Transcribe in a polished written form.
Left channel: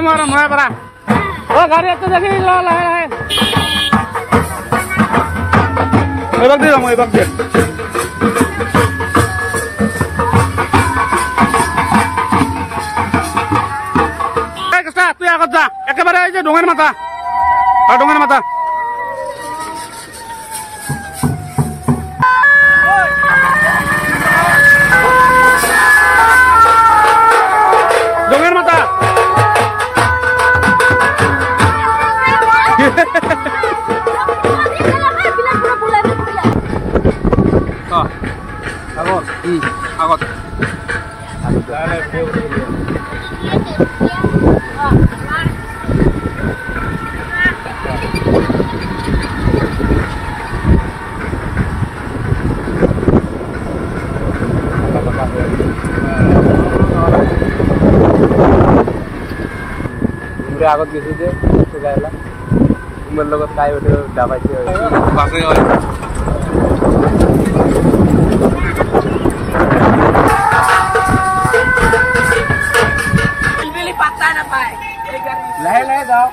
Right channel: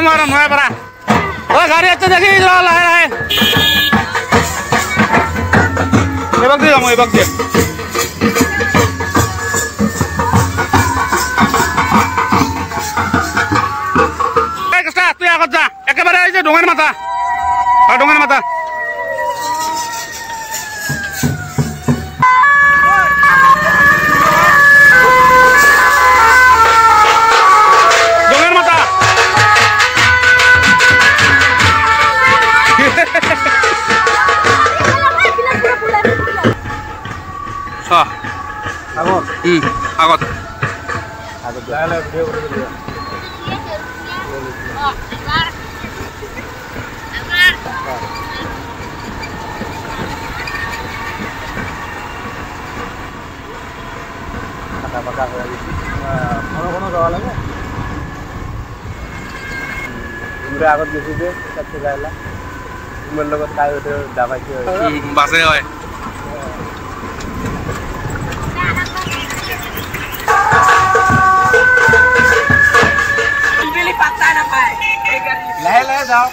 যাম আৰু মই পৰা ঐ গাড়ী আছে দেখি লাহে লাহে এইবাক দি যাম এইবাক দি তুই আগত যা একেবাৰে এই যে ডোঙেৰ মাথা ডোঙেৰ মাথা ডোঙেৰ মাথা আগত আগত গেছি যে গাইলা তোমাৰ লগত কাই উঠে দাবাইছে বাসে হয় বিলি পাতা না পায় এই গাড়ি লাহে লাহে যাও